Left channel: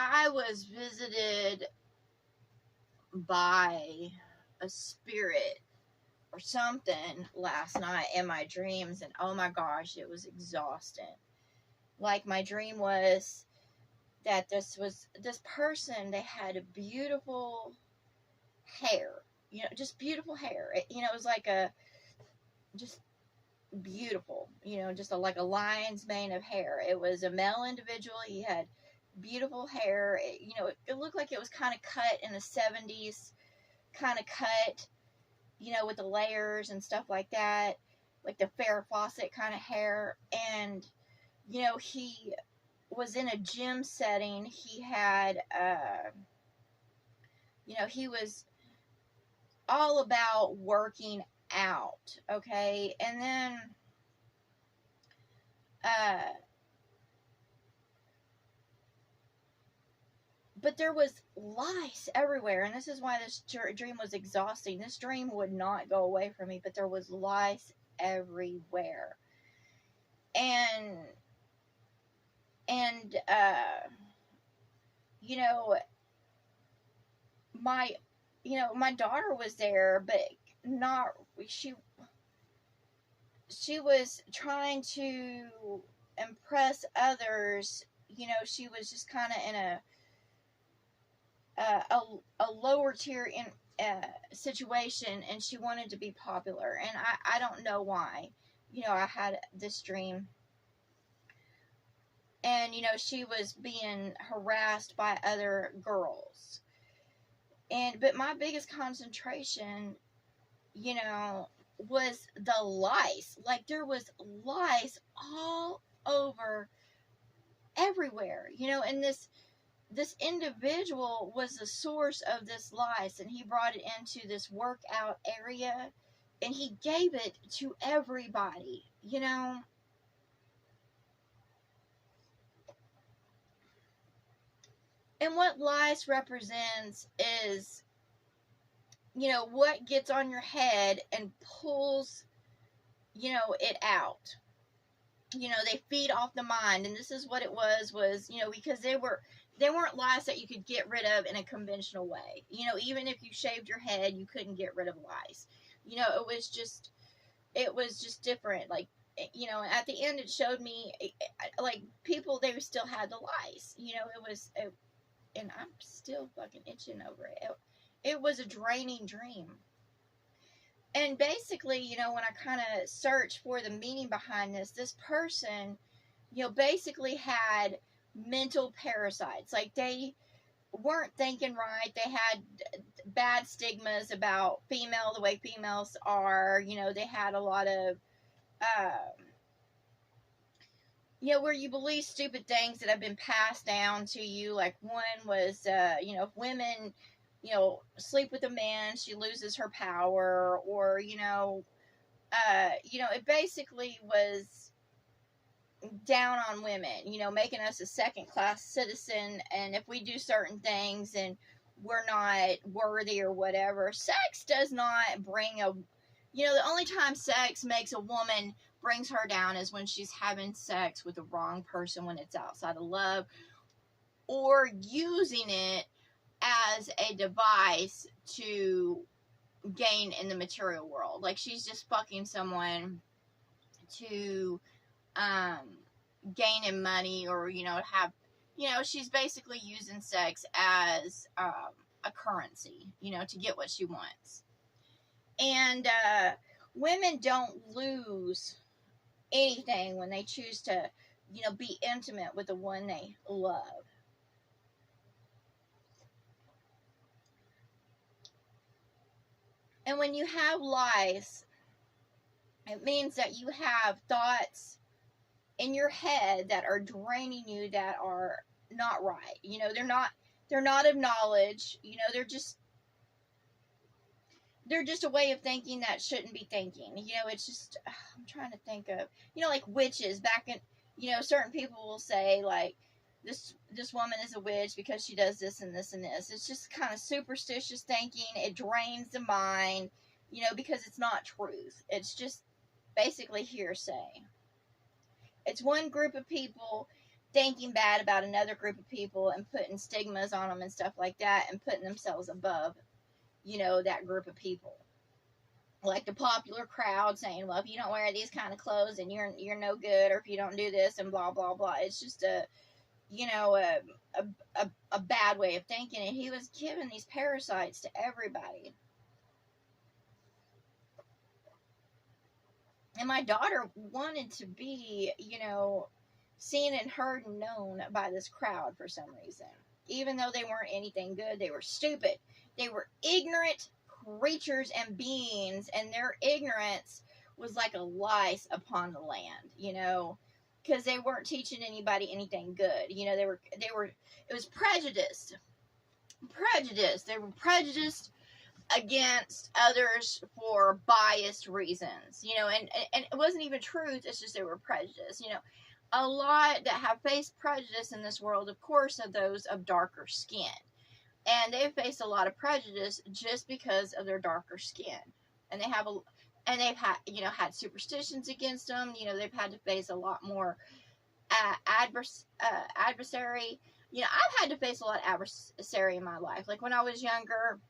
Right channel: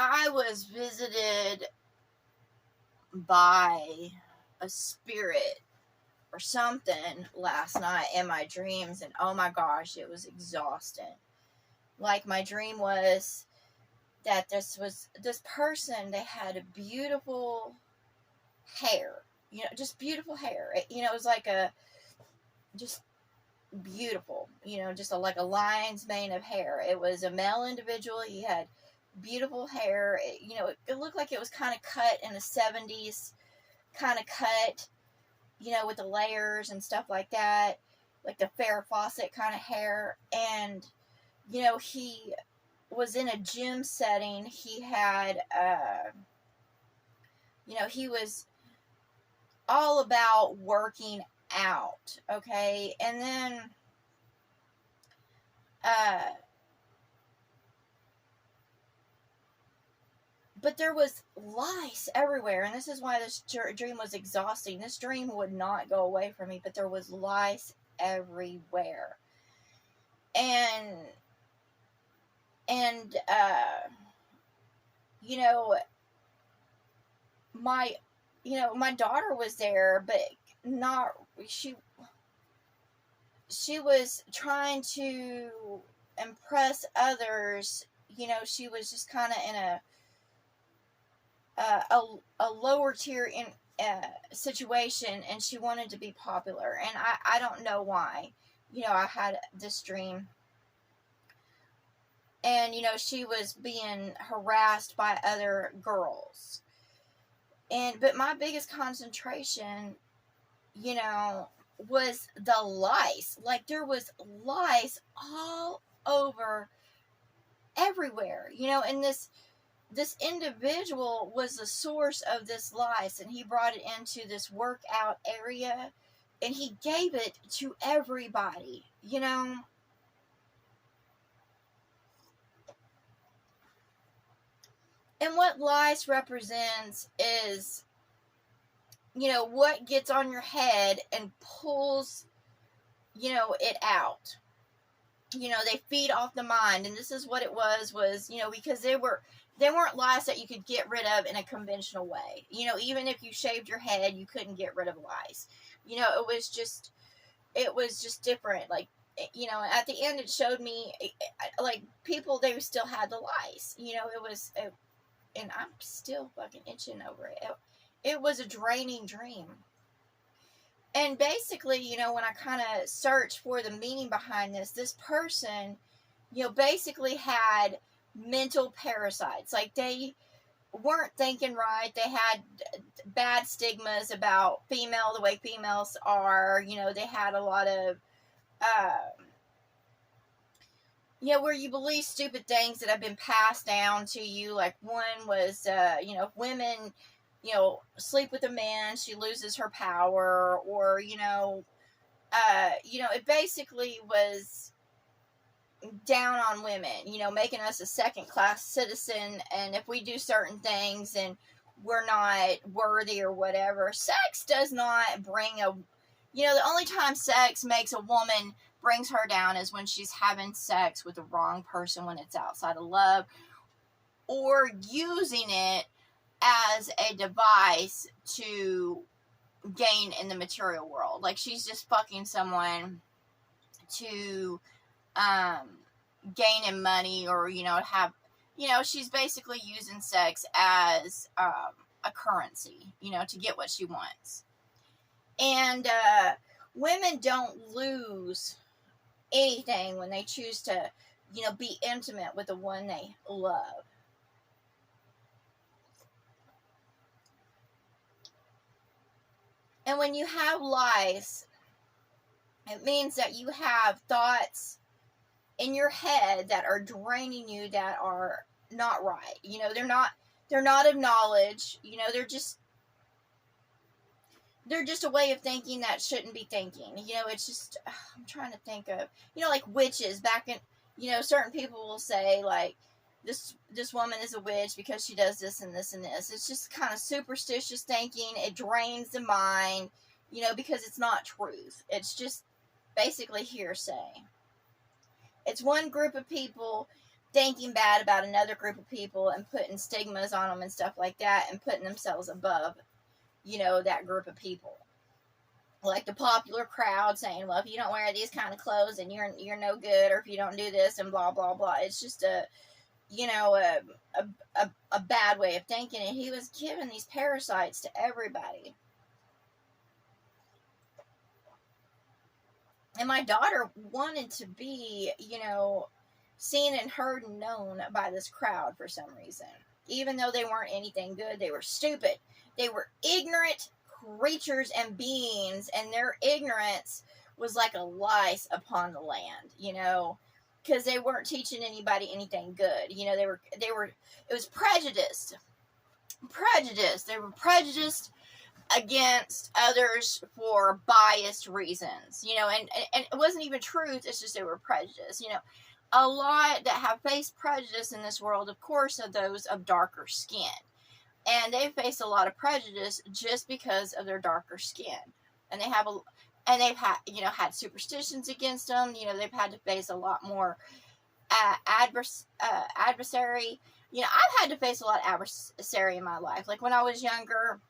I was visited by a spirit or something last night in my dreams, and oh my gosh, it was exhausting. Like, my dream was that this person, they had a beautiful hair, just beautiful hair. It was like a just beautiful, just like a lion's mane of hair. It was a male individual. He had beautiful hair. It looked like it was kind of cut in the 70s, kind of cut, with the layers and stuff like that, like the Farrah Fawcett kind of hair. And, he was in a gym setting. He had, he was all about working out, okay? And then, but there was lice everywhere, and this is why this dream was exhausting. This dream would not go away from me, but there was lice everywhere. And you know, my my daughter was there, but not she was trying to impress others. She was just kind of in a lower tier in situation, and she wanted to be popular, and I don't know why. I had this dream, and she was being harassed by other girls, but my biggest concentration was the lice. Like, there was lice all over everywhere, and this individual was the source of this lice, and he brought it into this workout area, and he gave it to everybody, And what lice represents is, what gets on your head and pulls, it out. They feed off the mind, and this is what it was, because they weren't lice that you could get rid of in a conventional way. Even if you shaved your head, you couldn't get rid of lice. It was just different. Like, at the end, it showed me, like, people, they still had the lice. And I'm still fucking itching over it. It was a draining dream. And basically, when I kind of searched for the meaning behind this person, basically had mental parasites. Like, they weren't thinking right. They had bad stigmas about the way females are. They had a lot of, where you believe stupid things that have been passed down to you. Like, one was, if women, sleep with a man, she loses her power, or, it basically was down on women, making us a second-class citizen, and if we do certain things and we're not worthy or whatever. Sex does not bring the only time sex makes a woman, brings her down, is when she's having sex with the wrong person, when it's outside of love, or using it as a device to gain in the material world. Like, she's just fucking someone to gain in money, or she's basically using sex as a currency, to get what she wants. And women don't lose anything when they choose to be intimate with the one they love. And when you have lice, it means that you have thoughts in your head that are draining you, that are not right. They're not of knowledge. They're just a way of thinking that shouldn't be thinking. It's just, I'm trying to think of, like witches back in, certain people will say, like, this woman is a witch because she does this and this and this. It's just kind of superstitious thinking. It drains the mind, because it's not truth. It's just basically hearsay. It's one group of people thinking bad about another group of people and putting stigmas on them and stuff like that, and putting themselves above, that group of people. Like the popular crowd saying, well, if you don't wear these kind of clothes, and you're no good, or if you don't do this, and blah blah blah. It's just a bad way of thinking, and he was giving these parasites to everybody. And my daughter wanted to be, seen and heard and known by this crowd for some reason. Even though they weren't anything good, they were stupid. They were ignorant creatures and beings, and their ignorance was like a lice upon the land, because they weren't teaching anybody anything good. It was prejudiced. They were prejudiced against others for biased reasons, and it wasn't even truth. It's just they were prejudiced. A lot that have faced prejudice in this world, of course, are those of darker skin, and they face a lot of prejudice just because of their darker skin, and they've had superstitions against them. They've had to face a lot more adversary. I've had to face a lot of adversary in my life. Like when I was younger,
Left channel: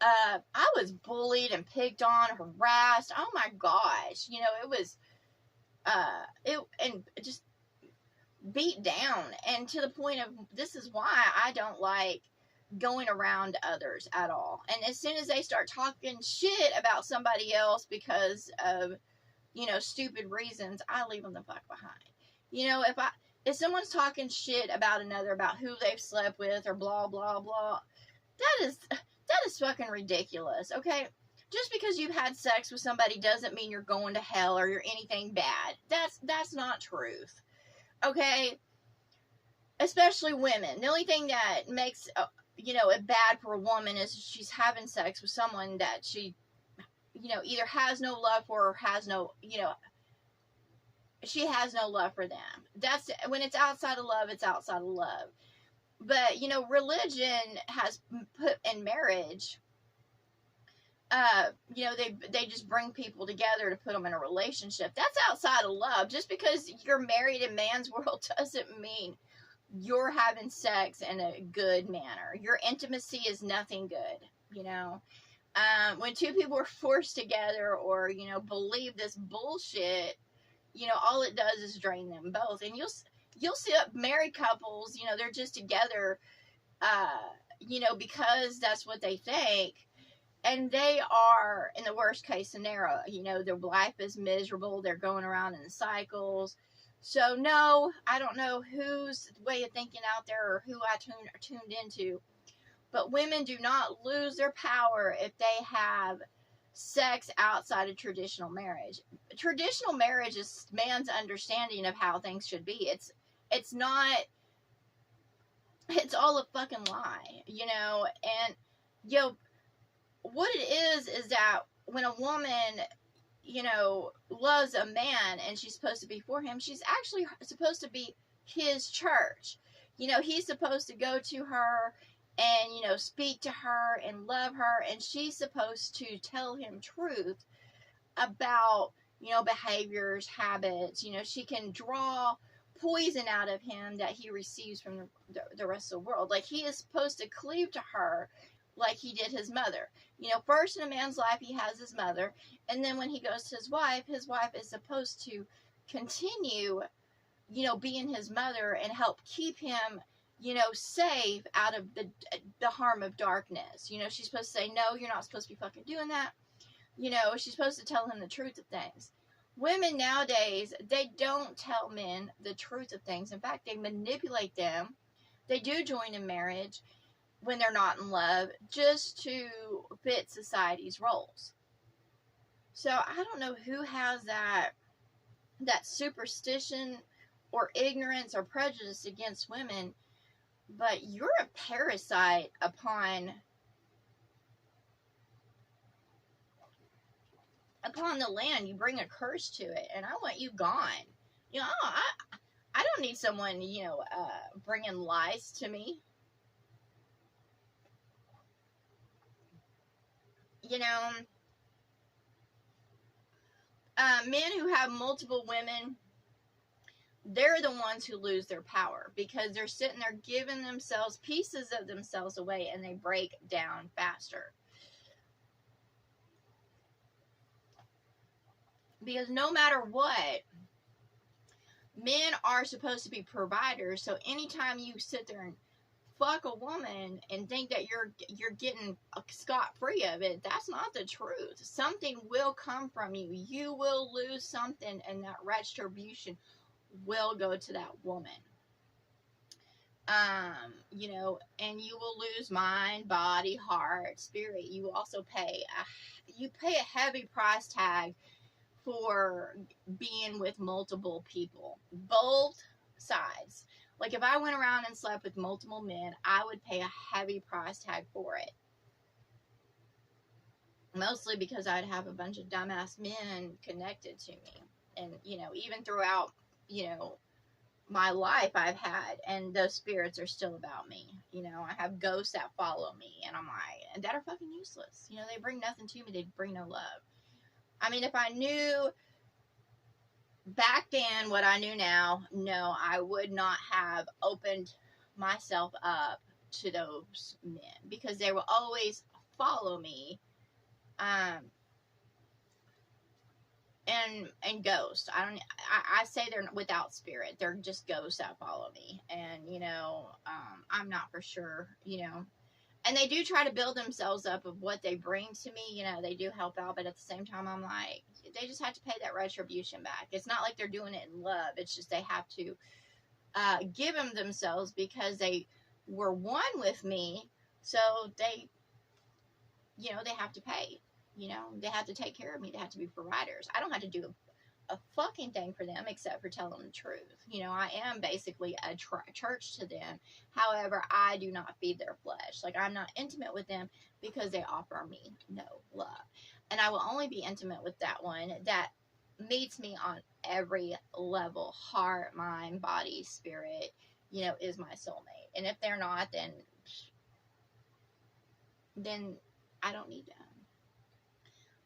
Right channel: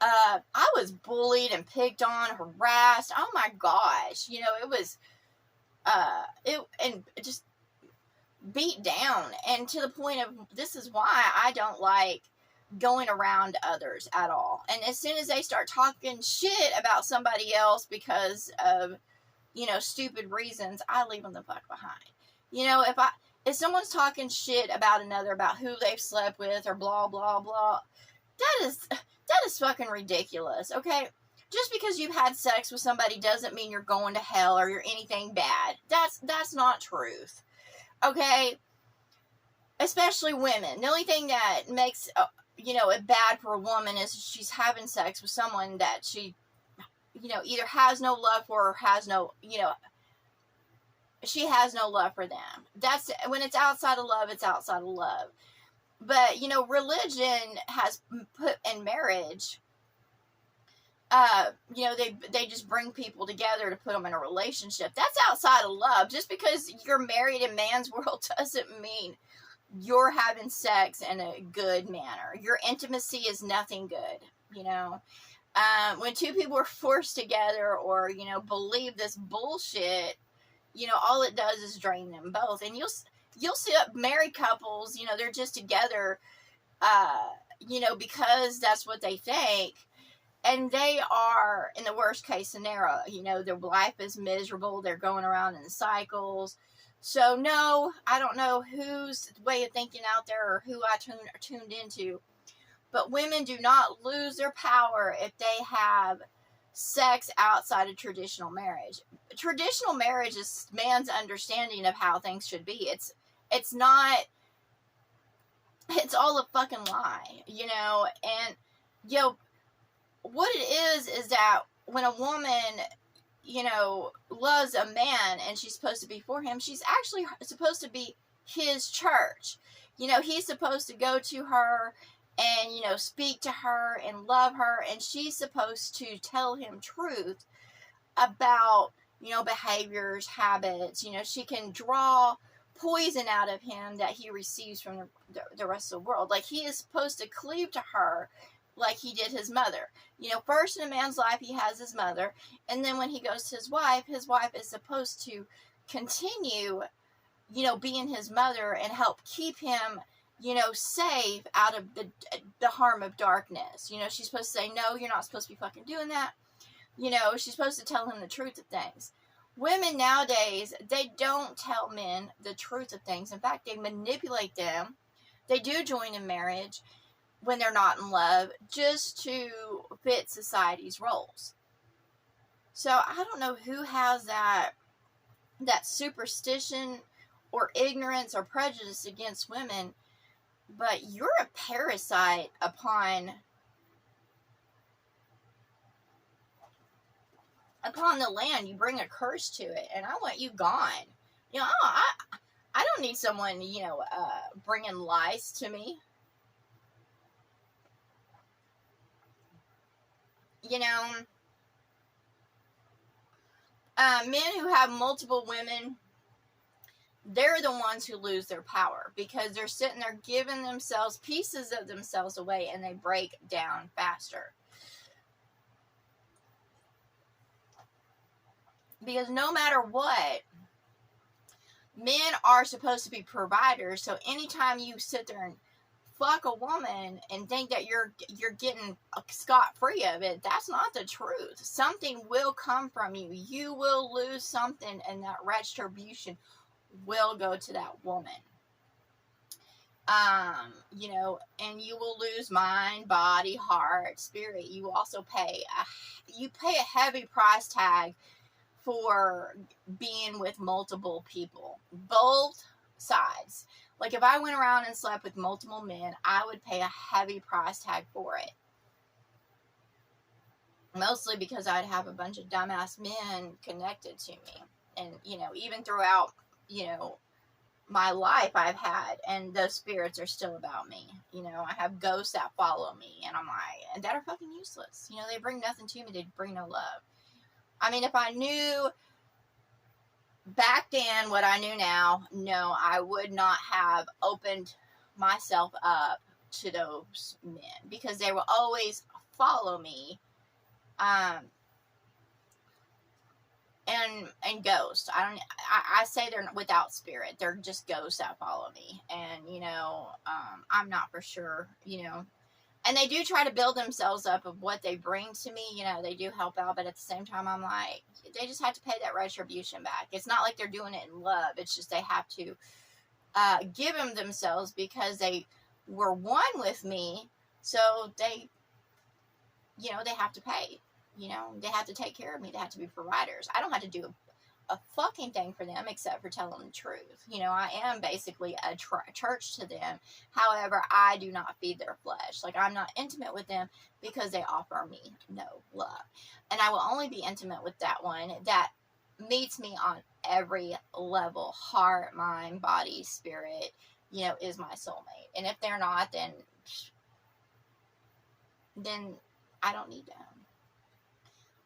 I was bullied and picked on, harassed. Oh my gosh, it was and just beat down, and to the point of, this is why I don't like going around others at all. And as soon as they start talking shit about somebody else because of stupid reasons, I leave them the fuck behind. If someone's talking shit about another, about who they've slept with, or blah blah blah, that is fucking ridiculous. Okay, just because you've had sex with somebody doesn't mean you're going to hell or you're anything bad. That's not truth. Okay, especially women. The only thing that makes it bad for a woman is she's having sex with someone that she either has no love for, or has no she has no love for them. That's when it's outside of love. It's outside of love. But religion has put in marriage. They just bring people together to put them in a relationship. That's outside of love. Just because you're married in man's world doesn't mean you're having sex in a good manner. Your intimacy is nothing good. When two people are forced together, or believe this bullshit, all it does is drain them both. And you'll see married couples, they're just together, because that's what they think. And they are in the worst case scenario. Their life is miserable. They're going around in cycles. So no, I don't know whose way of thinking out there, or who I tuned into. But women do not lose their power if they have sex outside of traditional marriage. Traditional marriage is man's understanding of how things should be. It's not. It's all a fucking lie, and what it is that when a woman, loves a man and she's supposed to be for him, she's actually supposed to be his church. He's supposed to go to her and, speak to her and love her, and she's supposed to tell him truth about, behaviors, habits. She can draw poison out of him that he receives from the rest of the world. Like, he is supposed to cleave to her like he did his mother. First in a man's life, he has his mother, and then when he goes to his wife is supposed to continue, being his mother and help keep him, safe out of the harm of darkness. She's supposed to say, no, you're not supposed to be fucking doing that. She's supposed to tell him the truth of things. Women nowadays, they don't tell men the truth of things. In fact, they manipulate them. They do join in marriage when they're not in love, just to fit society's roles. So I don't know who has that superstition or ignorance or prejudice against women, but you're a parasite upon the land. You bring a curse to it, and I want you gone. I don't need someone, bringing lice to me. Men who have multiple women, they're the ones who lose their power, because they're sitting there giving themselves pieces of themselves away, and they break down faster. Because no matter what, men are supposed to be providers. So anytime you sit there and fuck a woman and think that you're getting scot-free of it, that's not the truth. Something will come from you. You will lose something, and that retribution will go to that woman. You know, and you will lose mind, body, heart, spirit. You also pay a heavy price tag for being with multiple people, both sides. Like, if I went around and slept with multiple men, I would pay a heavy price tag for it. Mostly because I'd have a bunch of dumbass men connected to me. And, you know, even throughout, you know, my life I've had, and those spirits are still about me. You know, I have ghosts that follow me, and I'm like, and that are fucking useless. You know, they bring nothing to me. They bring no love. I mean, if I knew back then what I knew now, no, I would not have opened myself up to those men, because they will always follow me. And ghosts. I say they're without spirit. They're just ghosts that follow me. And, you know, I'm not for sure, you know. And they do try to build themselves up of what they bring to me. You know, they do help out, but at the same time, I'm like, they just have to pay that retribution back. It's not like they're doing it in love. It's just they have to give them themselves, because they were one with me. So they, you know, they have to pay. You know, they have to take care of me. They have to be providers. I don't have to do a fucking thing for them except for telling them the truth. You know, I am basically a church to them. However, I do not feed their flesh. Like, I'm not intimate with them because they offer me no love. And I will only be intimate with that one that meets me on every level. Heart, mind, body, spirit, you know, is my soulmate. And if they're not, then I don't need them.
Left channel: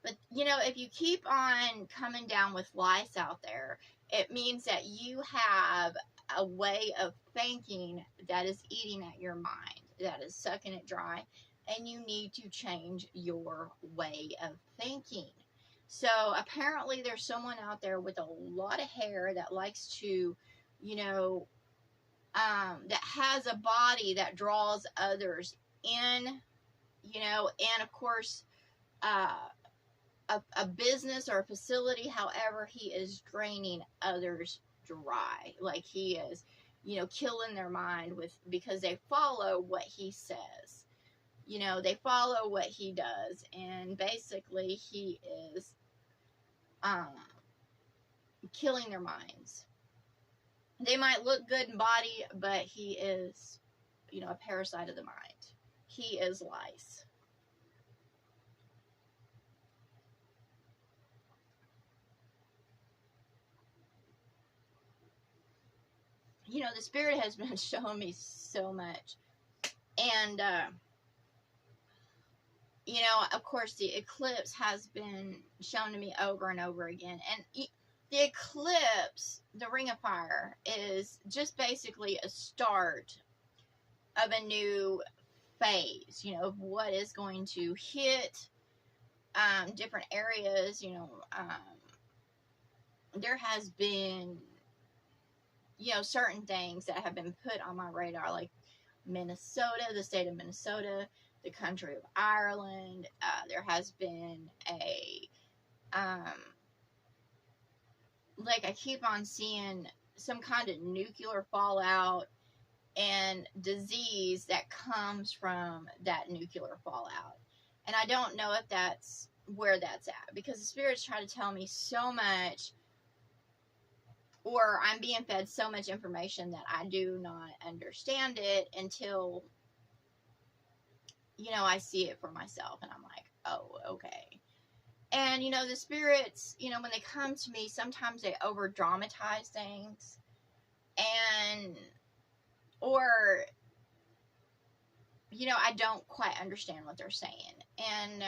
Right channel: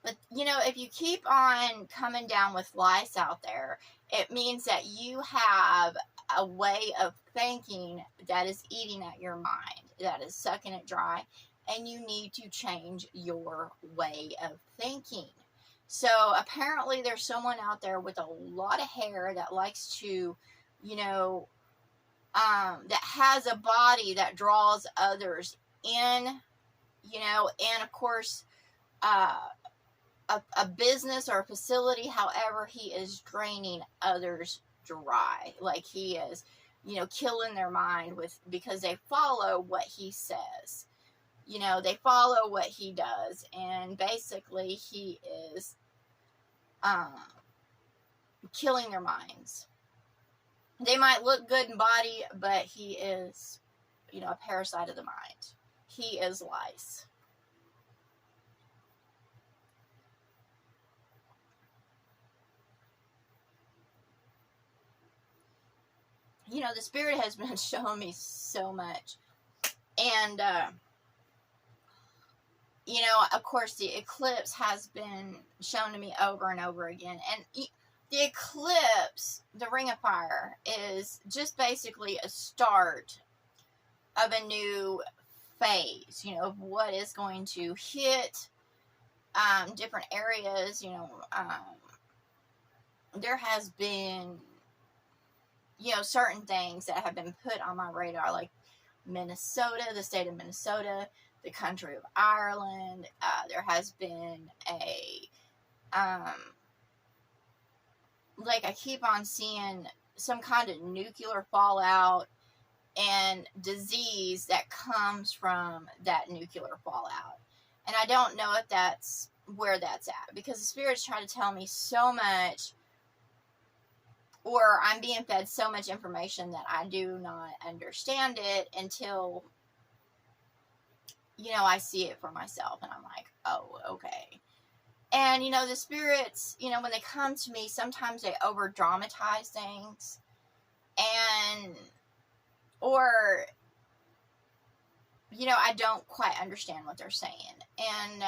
But, you know, if you keep on coming down with lice out there, it means that you have a way of thinking that is eating at your mind, that is sucking it dry, and you need to change your way of thinking. So apparently there's someone out there with a lot of hair that likes to, you know, that has a body that draws others in, you know, and of course, a business or a facility, however, he is draining others dry. Like, he is, you know, killing their mind because they follow what he says. You know, they follow what he does, and basically he is killing their minds. They might look good in body, but he is, you know, a parasite of the mind. He is lice. You know, the spirit has been showing me so much. And, you know, of course, the eclipse has been shown to me over and over again. And the eclipse, the Ring of Fire, is just basically a start of a new phase, you know, of what is going to hit different areas. You know, there has been, you know, certain things that have been put on my radar, like Minnesota, the state of Minnesota, the country of Ireland. There has been like, I keep on seeing some kind of nuclear fallout and disease that comes from that nuclear fallout. And I don't know if that's where that's at, because the spirits try to tell me so much, or I'm being fed so much information that I do not understand it until, you know, I see it for myself, and I'm like, oh, okay. And, you know, the spirits, you know, when they come to me, sometimes they over dramatize things, and, or, you know, I don't quite understand what they're saying. And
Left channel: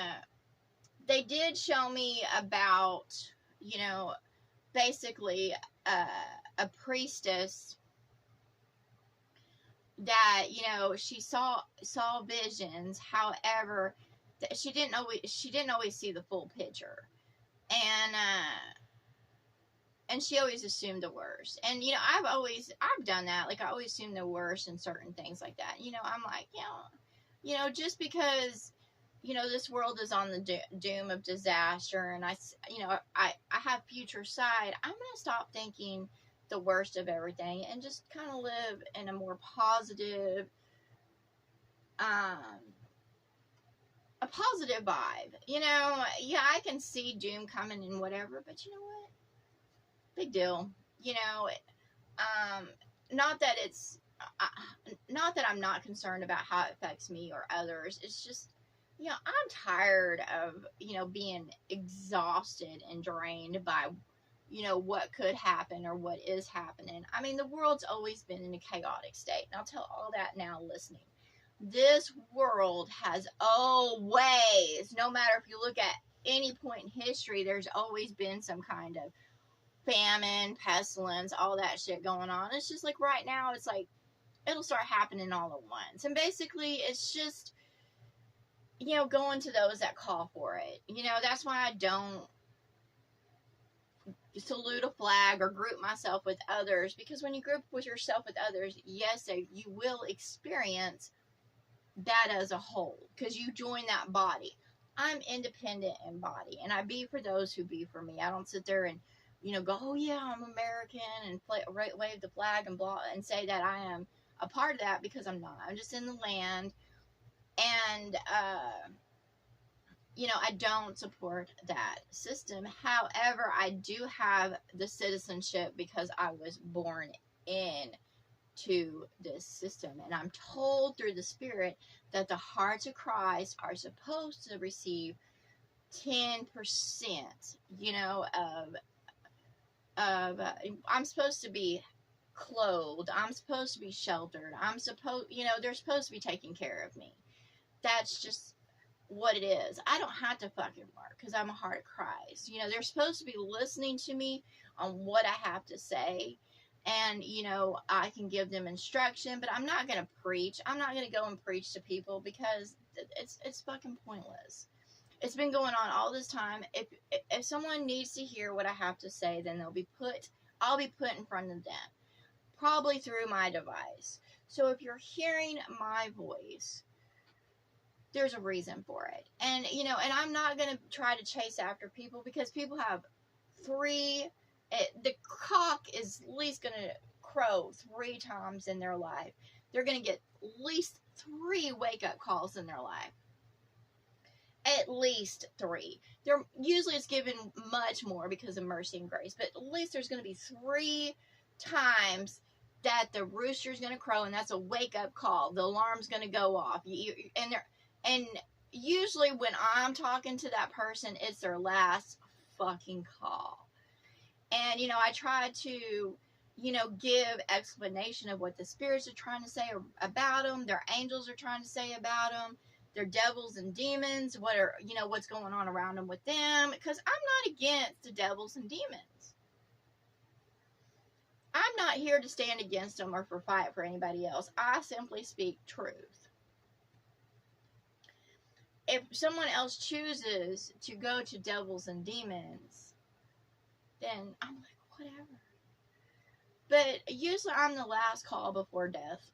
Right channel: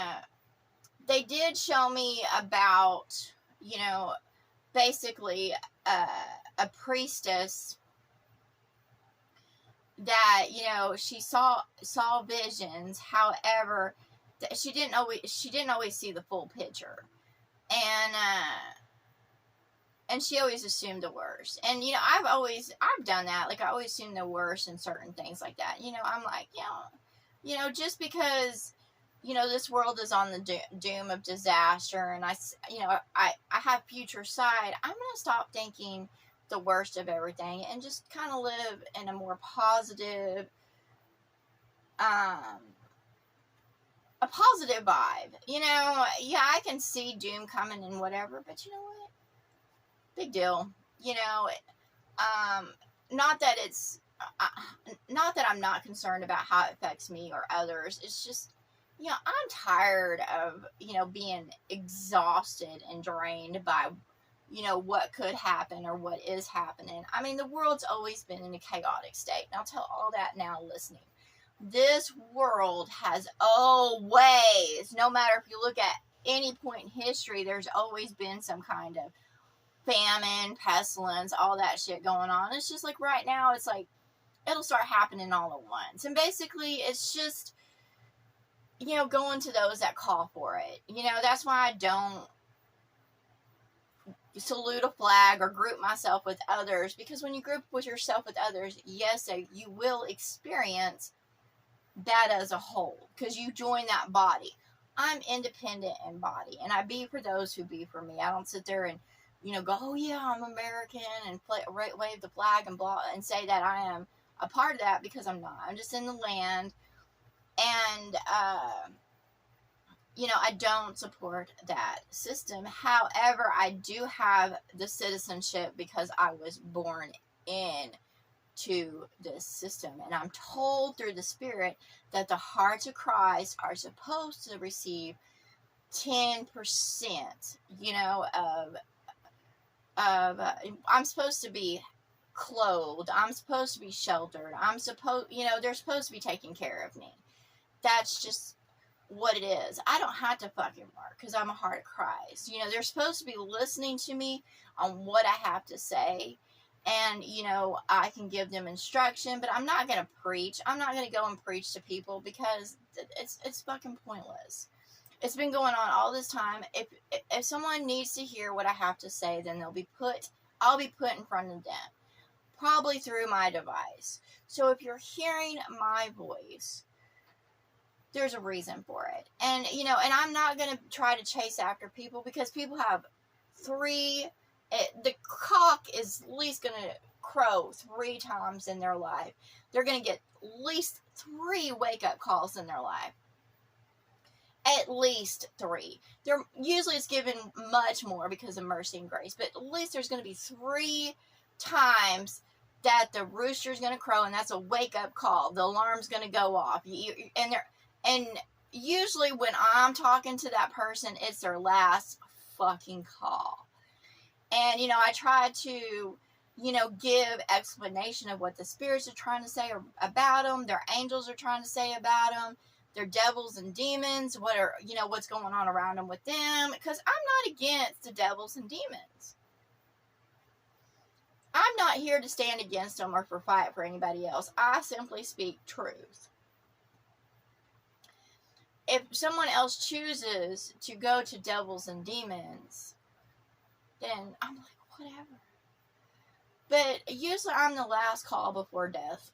they did show me about, you know, basically a priestess that, you know, she saw visions. However, she didn't always see the full picture, and she always assumed the worst. And, you know, I've done that. Like, I always assume the worst in certain things like that. You know, I'm like, you know, just because, you know, this world is on the doom of disaster, and I have future sight, I'm going to stop thinking the worst of everything and just kind of live in a more positive, a positive vibe. You know, yeah, I can see doom coming and whatever, but you know what? Big deal. You know, not that it's, not that I'm not concerned about how it affects me or others. It's just, you know, I'm tired of, you know, being exhausted and drained by, you know, what could happen or what is happening. I mean, the world's always been in a chaotic state. And I'll tell all that now listening. This world has always, no matter if you look at any point in history, there's always been some kind of famine, pestilence, all that shit going on. It's just like right now, it's like it'll start happening all at once. And basically, it's just, you know, going to those that call for it. You know, that's why I don't salute a flag or group myself with others, because when you group with yourself with others, yes, you will experience that as a whole, because you join that body. I'm independent in body, and I be for those who be for me. I don't sit there and, you know, go, oh yeah, I'm American, and wave the flag and blah, and say that I am a part of that, because I'm not. I'm just in the land, and you know, I don't support that system. However, I do have the citizenship because I was born in to this system, and I'm told through the Spirit that the hearts of Christ are supposed to receive 10%, you know, I'm supposed to be clothed, I'm supposed to be sheltered, you know, they're supposed to be taking care of me. That's just what it is. I don't have to fucking work because I'm a heart of Christ. You know, they're supposed to be listening to me on what I have to say, and, you know, I can give them instruction, but I'm not going to preach. I'm not going to go and preach to people, because it's fucking pointless. It's been going on all this time. If someone needs to hear what I have to say, then I'll be put in front of them, probably through my device. So if you're hearing my voice, there's a reason for it. And, you know, and I'm not going to try to chase after people, because people have the cock is at least going to crow 3 times in their life. They're going to get at least 3 wake-up calls in their life. At least 3. Usually it's given much more because of mercy and grace, but at least there's going to be 3 times that the rooster's going to crow, and that's a wake-up call. The alarm's going to go off. And usually when I'm talking to that person, it's their last fucking call. And, you know, I try to, you know, give explanation of what the spirits are trying to say about them, their angels are trying to say about them, their devils and demons, what's going on around them with them, because I'm not against the devils and demons. I'm not here to stand against them or for fight for anybody else. I simply speak truth. If someone else chooses to go to devils and demons, then I'm like, whatever. But usually I'm the last call before death,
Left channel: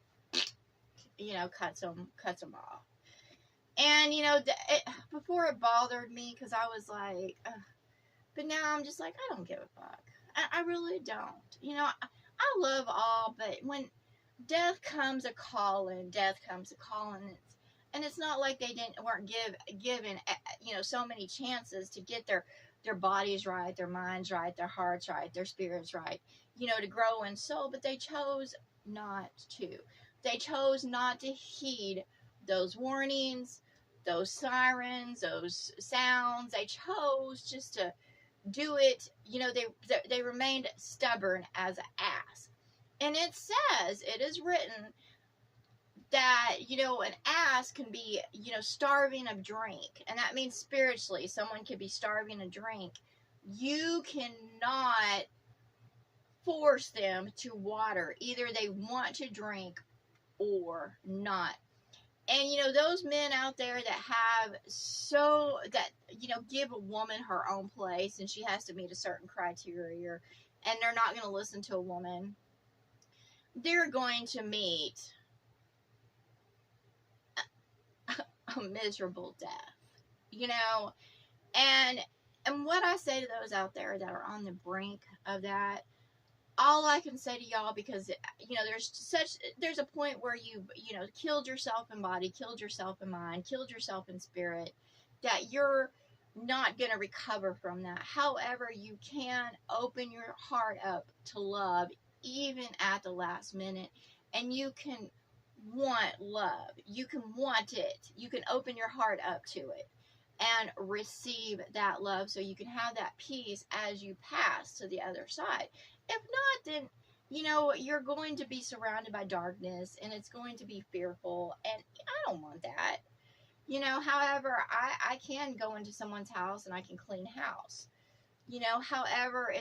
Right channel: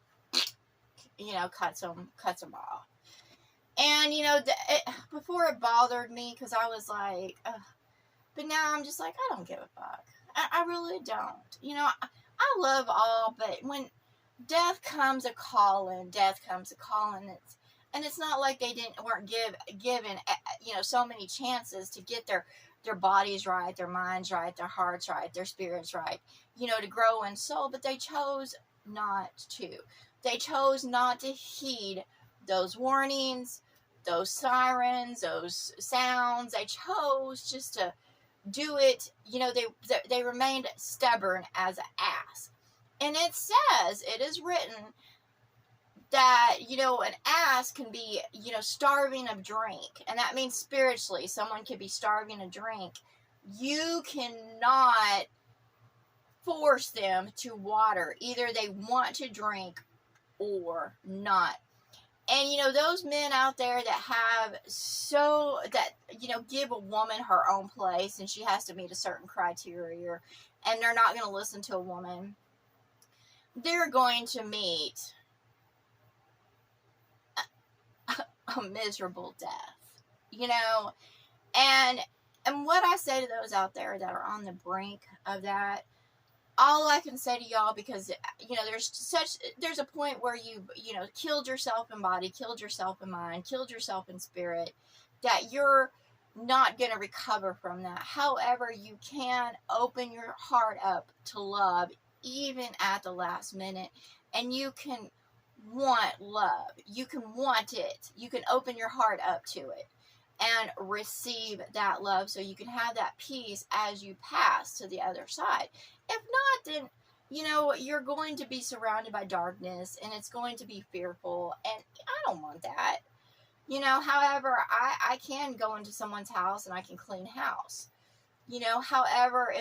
you know, cuts them off. And, you know, before it bothered me, because I was like, ugh. But now I'm just like, I don't give a fuck. I really don't. You know, I love all, but when death comes a calling, and it's not like they weren't given, you know, so many chances to get their bodies right, their minds right, their hearts right, their spirits right, you know, to grow in soul, but they chose not to. They chose not to heed those warnings, those sirens, those sounds. They chose just to do it. You know, they remained stubborn as an ass. And it says, it is written that, you know, an ass can be, you know, starving of drink. And that means spiritually, someone could be starving of drink You cannot force them to water. Either they want to drink or not. And those men out there that have give a woman her own place and she has to meet a certain criteria, and they're not going to listen to a woman, they're going to meet a miserable death, and what I say to those out there that are on the brink of that, all I can say to y'all, because there's a point where you killed yourself in body, killed yourself in mind, killed yourself in spirit, that you're not going to recover from that. However, you can open your heart up to love even at the last minute, and you can want love. You can want it. You can open your heart up to it and receive that love, so you can have that peace as you pass to the other side. If not, then you're going to be surrounded by darkness, and it's going to be fearful, and I don't want that. However, I can go into someone's house and I can clean house. However,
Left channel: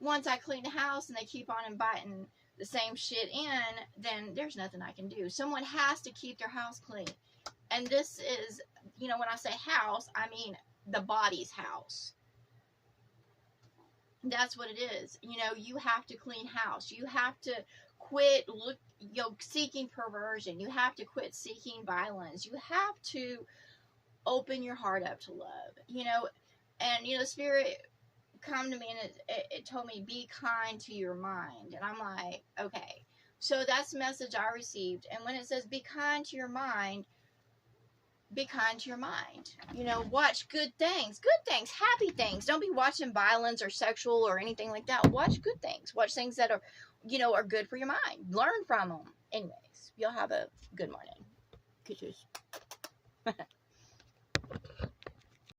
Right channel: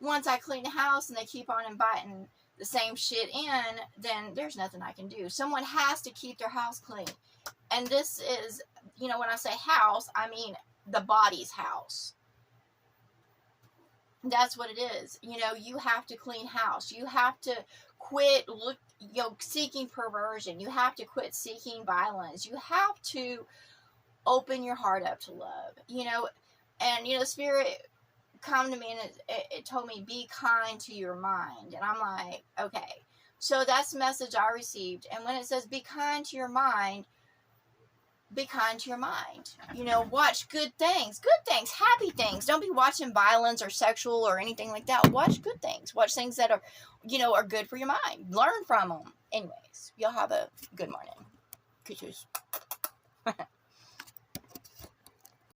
once I clean the house and they keep on inviting the same shit in, then there's nothing I can do. Someone has to keep their house clean. And this is, when I say house, I mean the body's house. That's what it is. You have to clean house. You have to quit seeking perversion. You have to quit seeking violence. You have to open your heart up to love. And Spirit come to me, and it told me, be kind to your mind. And I'm like, okay. So that's the message I received. And when it says be kind to your mind, be kind to your mind. Watch good things, happy things. Don't be watching violence or sexual or anything like that. Watch good things. Watch things that are, are good for your mind. Learn from them. Anyways, y'all have a good morning. Kisses.